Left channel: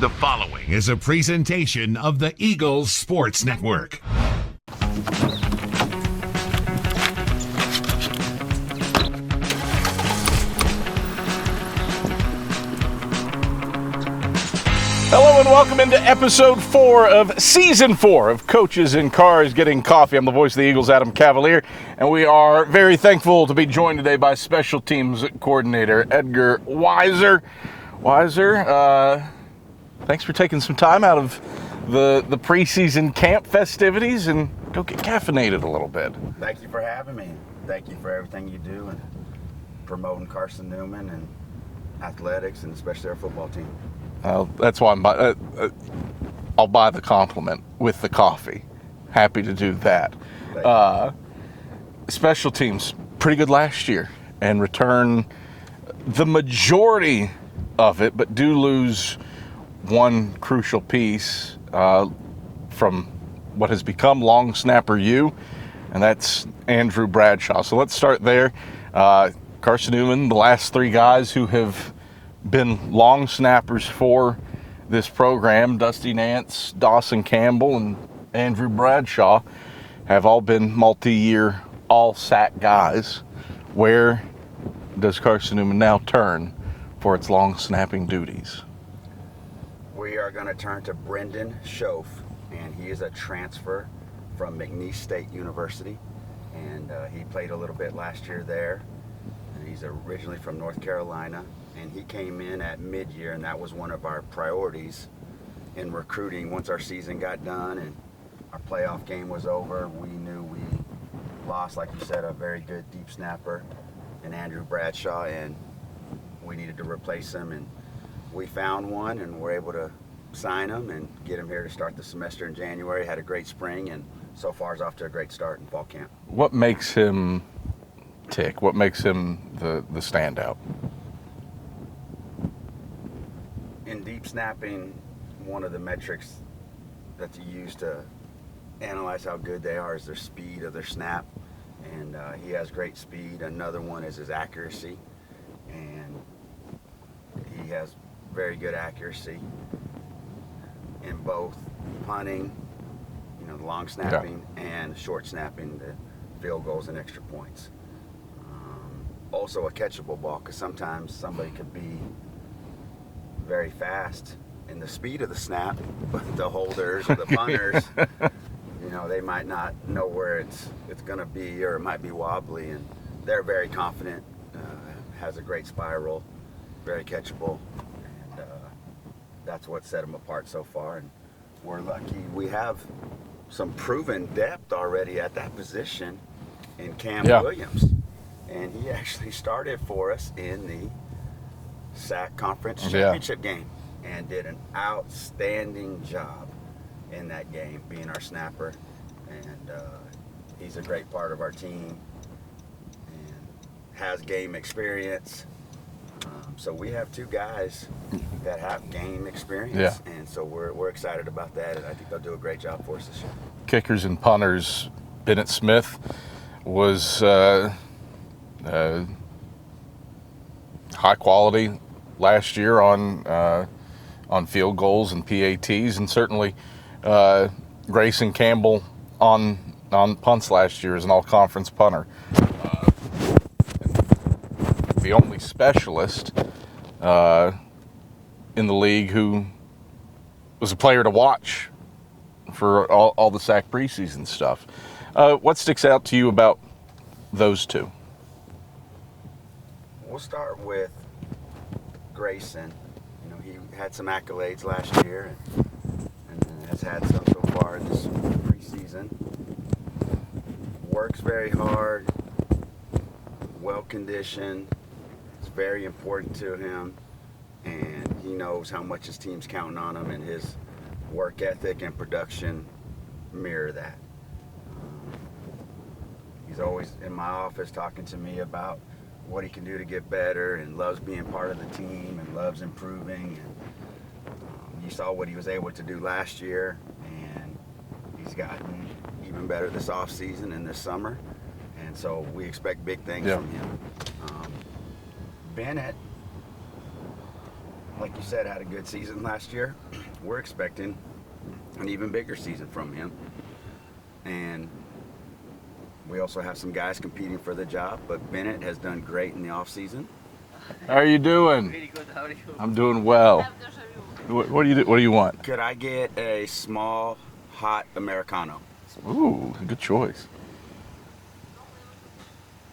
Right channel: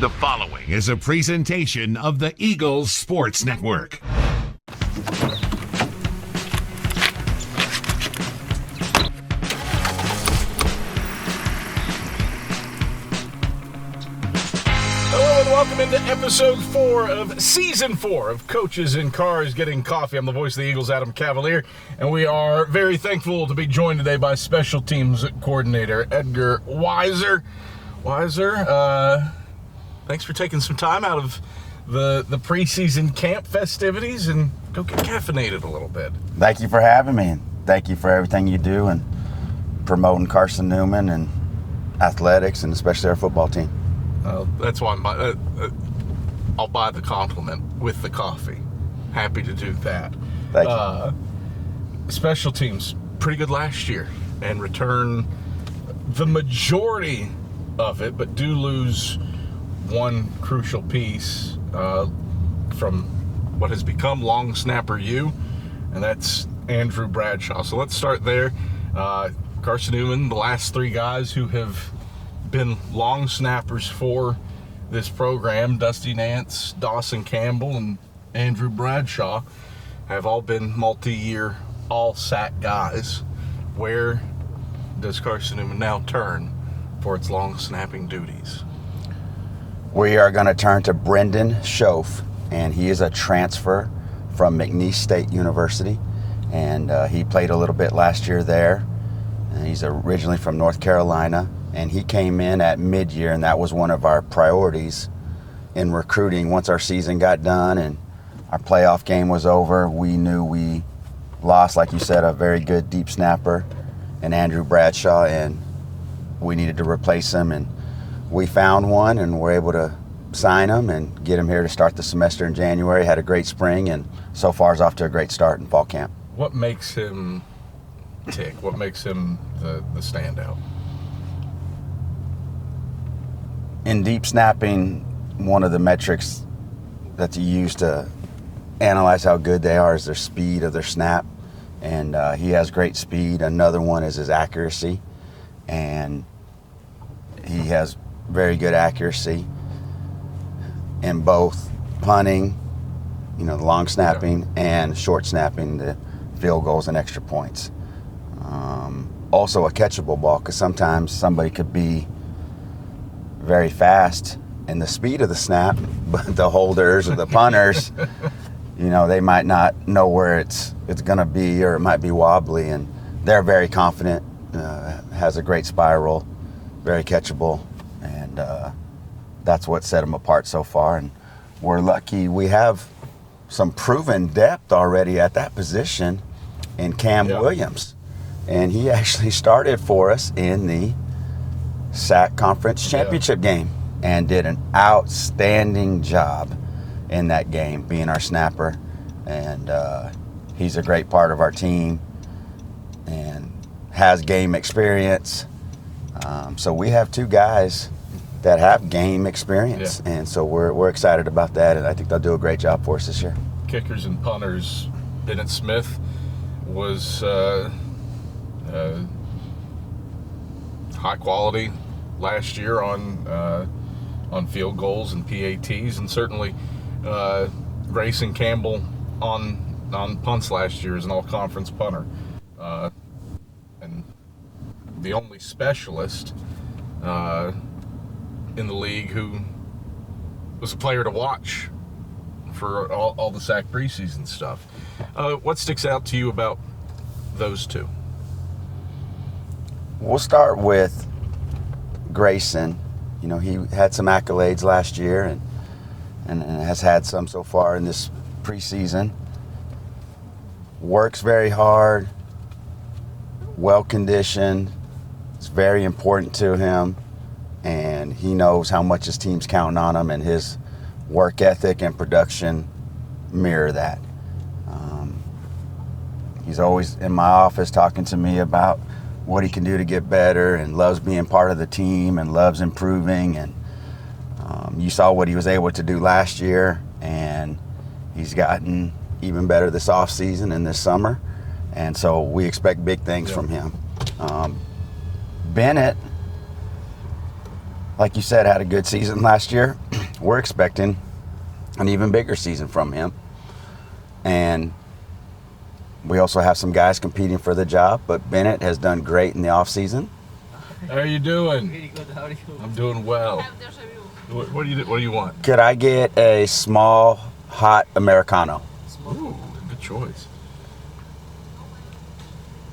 The following is a presentation of the Eagles Sports Network. Hello and welcome into episode 4 of season 4 of Coaches in Cars Getting Coffee. I'm the voice of the Eagles, Adam Cavalier, and we are very thankful to be joined today by special teams coordinator Edgar Weiser. Weiser, thanks for taking some time out of the preseason camp festivities and go get caffeinated a little bit. Thank you for having me, and thank you for everything you do and promoting Carson-Newman and athletics, and especially our football team. Well, that's why I'll buy the compliment with the coffee. Happy to do that. Thank you. Special teams, pretty good last year, and return the majority of it, but do lose one crucial piece from what has become long snapper U, and that's Andrew Bradshaw. So let's start there. Carson-Newman, the last three guys who have been long snappers for this program, Dusty Nance, Dawson Campbell, and Andrew Bradshaw, have all been multi-year all-SAC guys. Where does Carson-Newman now turn for its long snapping duties? We are going to turn to Brendan Schoaf, and he is a transfer from McNeese State University, and he played a little bit last year there. And he's originally from North Carolina, and he came in at mid-year, and that was one of our priorities in recruiting. Once our season got done and our playoff game was over, we knew we lost, like you said, a very good deep snapper in Andrew Bradshaw, and we needed to replace him, and we found one and were able to sign him and get him here to start the semester in January. Had a great spring, and so far is off to a great start in fall camp. What makes him tick? What makes him the standout? In deep snapping, one of the metrics that you use to analyze how good they are is their speed of their snap, and he has great speed. Another one is his accuracy, and he has very good accuracy in both punting, the long snapping, and short snapping, the field goals and extra points. Also a catchable ball, because sometimes somebody could be very fast in the speed of the snap, but the holders or the punters, they might not know where it's going to be, or it might be wobbly, and they're very confident, has a great spiral, very catchable, and that's what set them apart so far. And we're lucky we have some proven depth already at that position in Cam Williams, and he actually started for us in the SAC Conference Championship game and did an outstanding job in that game, being our snapper, and he's a great part of our team and has game experience. So we have two guys that have game experience, and so we're excited about that, and I think they'll do a great job for us this year. Kickers and punters, Bennett Smith was high quality last year on field goals and PATs, and certainly Grayson Campbell on punts last year as an all-conference punter. The only specialist in the league who was a player to watch for all the SAC preseason stuff. What sticks out to you about those two? We'll start with Grayson. He had some accolades last year and has had some so far in this preseason. Works very hard, well-conditioned. It's very important to him, and he knows how much his team's counting on him, and his work ethic and production mirror that. He's always in my office talking to me about what he can do to get better, and loves being part of the team and loves improving. And you saw what he was able to do last year, and he's gotten even better this off season and this summer, and so we expect big things from him. Bennett, like you said, had a good season last year. we're expecting an even bigger season from him. And we also have some guys competing for the job, but Bennett has done great in the offseason. How are you doing? Very good. How are you? I'm doing well. What do you want? Could I get a small hot Americano? Ooh, good choice.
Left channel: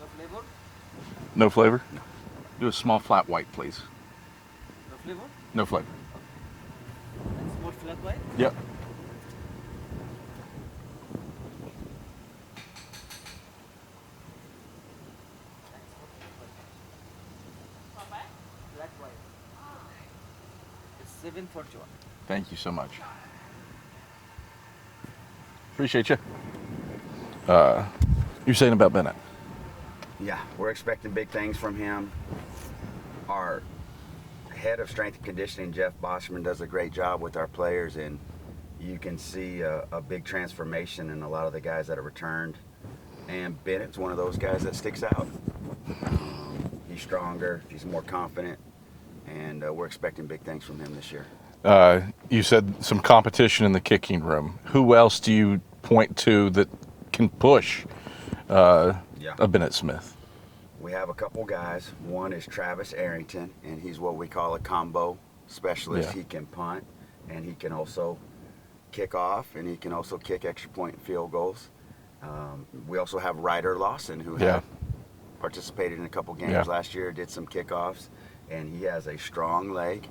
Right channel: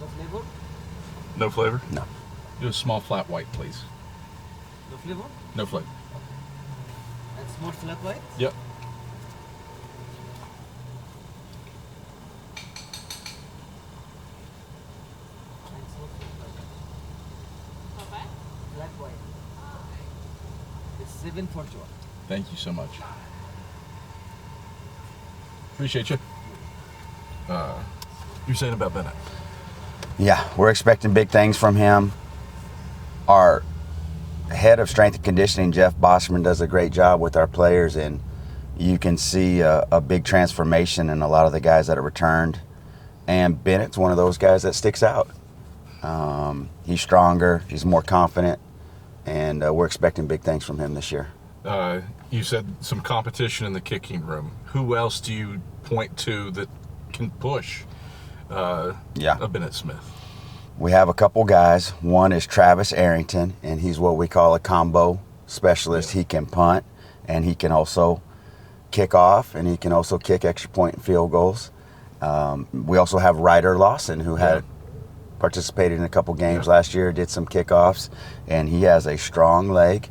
No flavor? No flavor? No. Do a small flat white, please. No flavor? No flavor. And small flat white? Yep. Flat white. It's 741. Thank you so much. Appreciate you. You're saying about Bennett? Yeah, we're expecting big things from him. Our head of strength and conditioning, Jeff Bosserman, does a great job with our players, and you can see a big transformation in a lot of the guys that have returned. And Bennett's one of those guys that sticks out. He's stronger, he's more confident, and we're expecting big things from him this year. You said some competition in the kicking room. Who else do you point to that can push a Bennett Smith? We have a couple guys. One is Travis Arrington, and he's what we call a combo specialist. Yeah. He can punt, and he can also kick off, and he can also kick extra point and field goals. We also have Ryder Lawson, who had participated in a couple games last year, did some kickoffs, and he has a strong leg,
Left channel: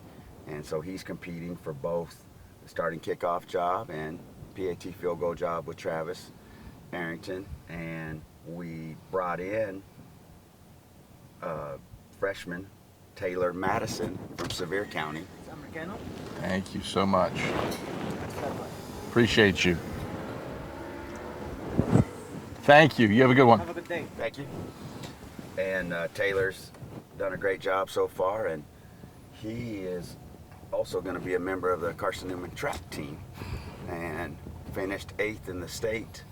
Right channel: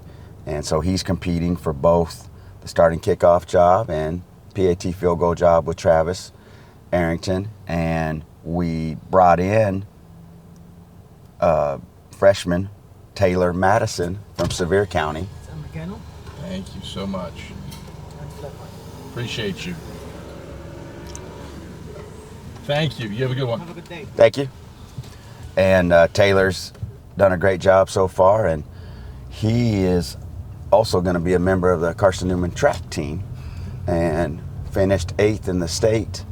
and so he's competing for both the starting kickoff job and PAT field goal job with Travis Arrington. And we brought in freshman Taylor Madison from Sevier County. It's Americano. Thank you so much. And flat white. Appreciate you. Thank you. You have a good one. Have a good day. Thank you. And Taylor's done a great job so far, and he is also going to be a member of the Carson-Newman track team and finished 8th in the state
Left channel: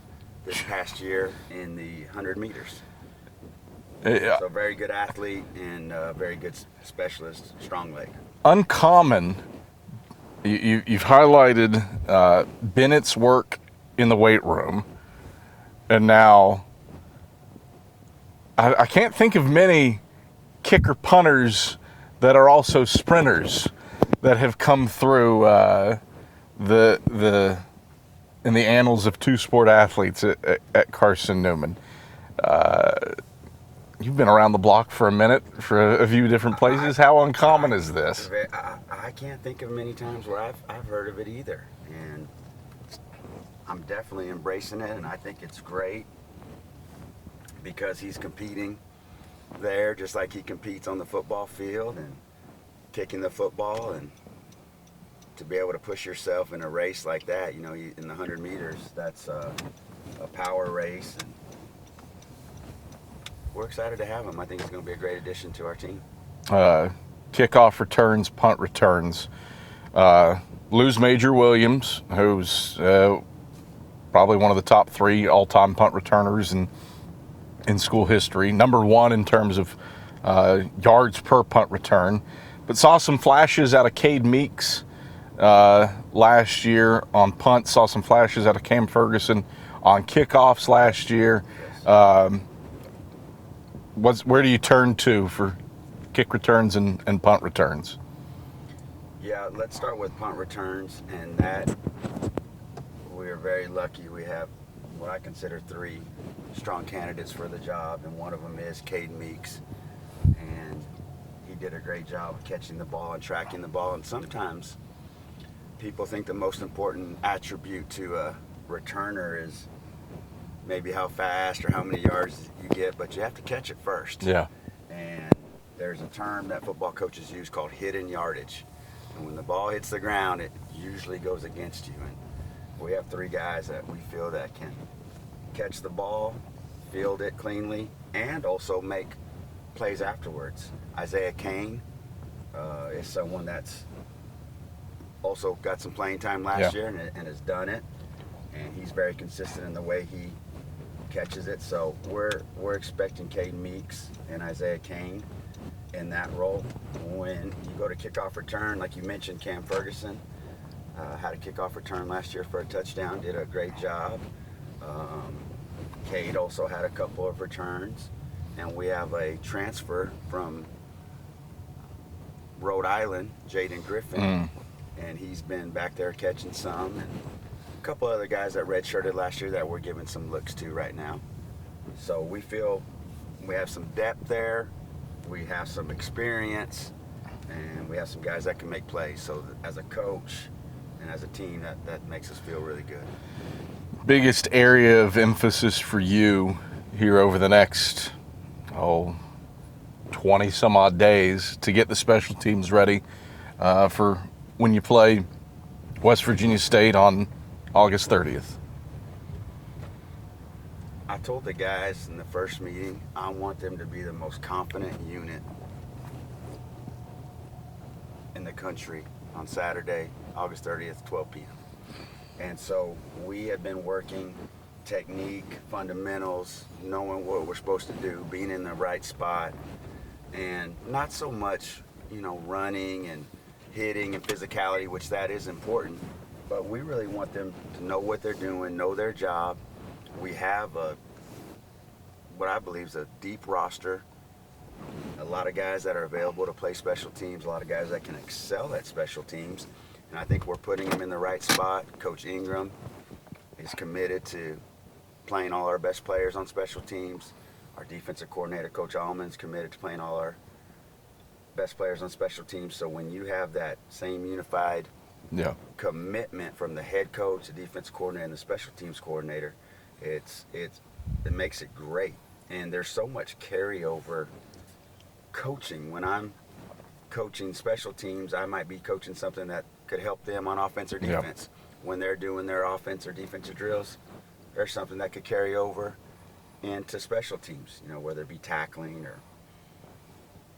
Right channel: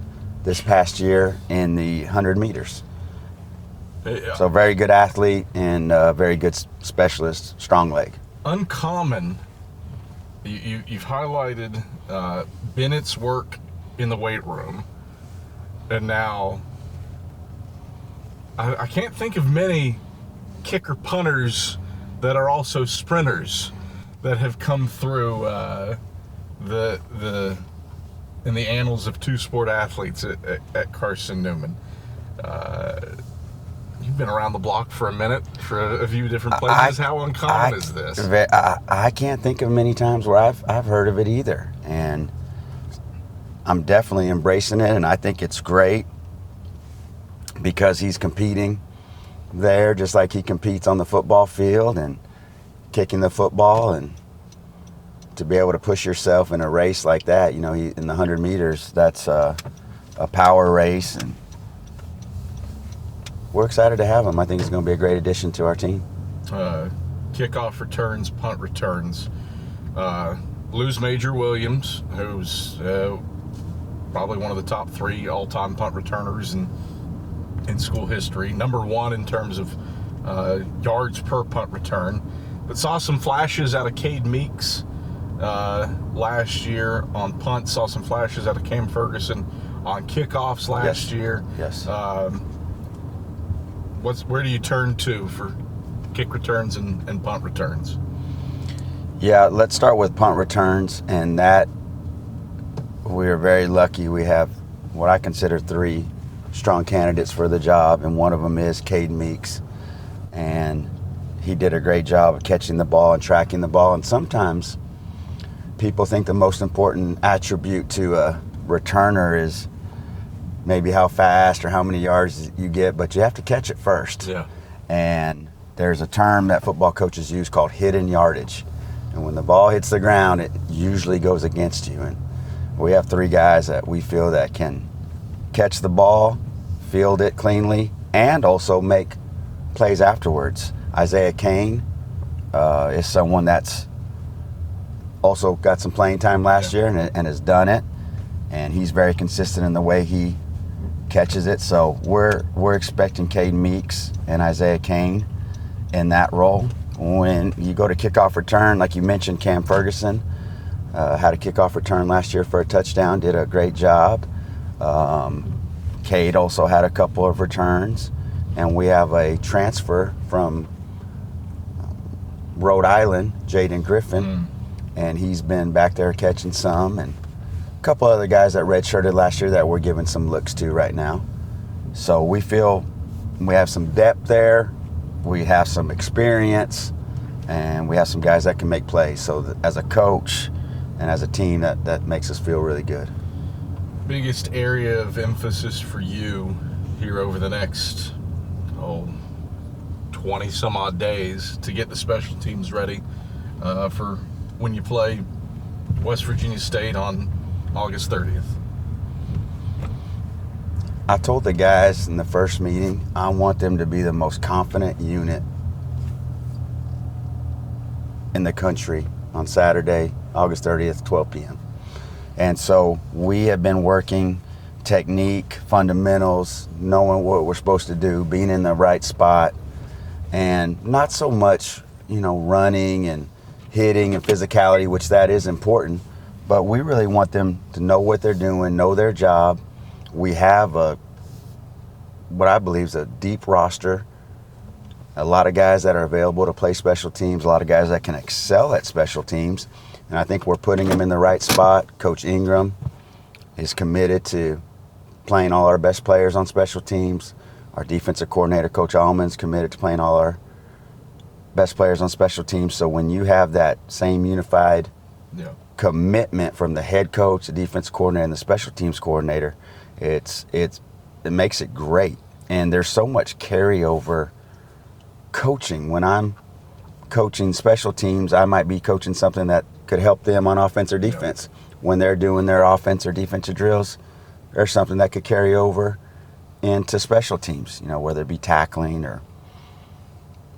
this past year in the 100 meters. So very good athlete and very good specialist, strong leg. Uncommon. You've highlighted Bennett's work in the weight room, and now I can't think of many kicker punters that are also sprinters that have come through the in the annals of two-sport athletes at Carson-Newman. You've been around the block for a minute for a few different places. How uncommon is this? I can't think of many times where I've heard of it either, and I'm definitely embracing it, and I think it's great because he's competing there just like he competes on the football field and kicking the football, and to be able to push yourself in a race like that, you know, in the 100 meters, that's a power race, and we're excited to have him. I think he's going to be a great addition to our team. Kickoff returns, punt returns. Lose Major Williams, who's probably one of the top 3 all-time punt returners in school history. Number 1 in terms of yards per punt return. But saw some flashes out of Cade Meeks last year on punt. Saw some flashes out of Cam Ferguson on kickoffs last year. Yes. Where do you turn to for kick returns and punt returns? Yeah, let's start with punt returns, and that we are very lucky. We have what I consider 3 strong candidates for the job, and one of them is Cade Meeks, and he did a great job of catching the ball and tracking the ball. And sometimes people think the most important attribute to a returner is maybe how fast or how many yards you get, but you have to catch it first. Yeah. And there's a term that football coaches use called hidden yardage. And when the ball hits the ground, it usually goes against you. And we have 3 guys that we feel that can catch the ball, field it cleanly, and also make plays afterwards. Isaiah Kane is someone that's also got some playing time last year and has done it. And he's very consistent in the way he catches it. So we're expecting Cade Meeks and Isaiah Kane in that role. When you go to kickoff return, like you mentioned, Cam Ferguson, Had a kickoff return last year for a touchdown, did a great job. Cade also had a couple of returns. And we have a transfer from Rhode Island, Jaden Griffin, and he's been back there catching some, and a couple other guys that redshirted last year that we're giving some looks to right now. So we feel we have some depth there, we have some experience, and we have some guys that can make plays. So as a coach and as a team, that makes us feel really good. Biggest area of emphasis for you here over the next 20 some odd days to get the special teams ready for when you play West Virginia State on August 30th? I told the guys in the first meeting, I want them to be the most confident unit in the country on Saturday, August 30th, 12 p.m. And so we have been working technique, fundamentals, knowing what we're supposed to do, being in the right spot, and not so much, running and hitting and physicality, which that is important, but we really want them to know what they're doing, know their job. We have what I believe is a deep roster, a lot of guys that are available to play special teams, a lot of guys that can excel at special teams, and I think we're putting them in the right spot. Coach Ingram is committed to playing all our best players on special teams. Our defensive coordinator, Coach Allman's committed to playing all our best players on special teams. So when you have that same unified commitment from the head coach, the defense coordinator, and the special teams coordinator, it makes it great. And there's so much carryover coaching. When I'm coaching special teams, I might be coaching something that could help them on offense or defense. When they're doing their offense or defensive drills, there's something that could carry over into special teams, whether it be tackling or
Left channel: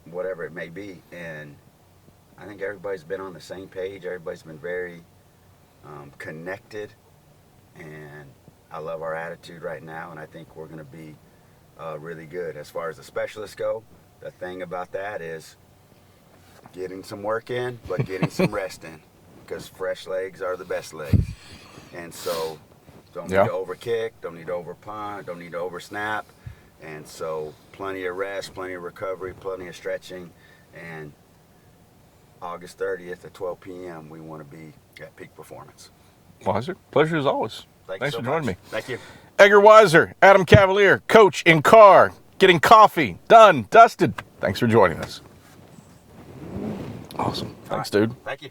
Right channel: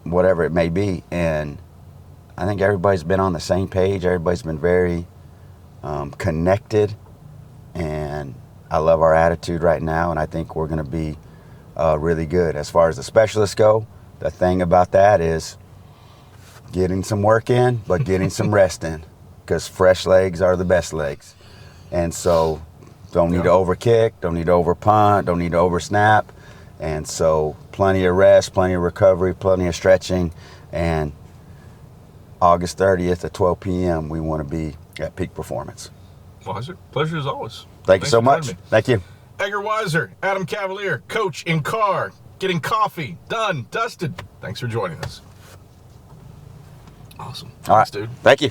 whatever it may be. And I think everybody's been on the same page. Everybody's been very connected. And I love our attitude right now, and I think we're going to be really good. As far as the specialists go, the thing about that is getting some work in, but getting some rest in, because fresh legs are the best legs. And so don't need to overkick, don't need to overpunt, don't need to oversnap. And so plenty of rest, plenty of recovery, plenty of stretching. And August 30th at 12 p.m., we want to be at peak performance. Weiser, pleasure as always. Thank you so much. Thank you. Edgar Weiser, Adam Cavalier, coach in car, getting coffee, done, dusted. Thanks for joining us. Awesome. All right, dude. Thank you.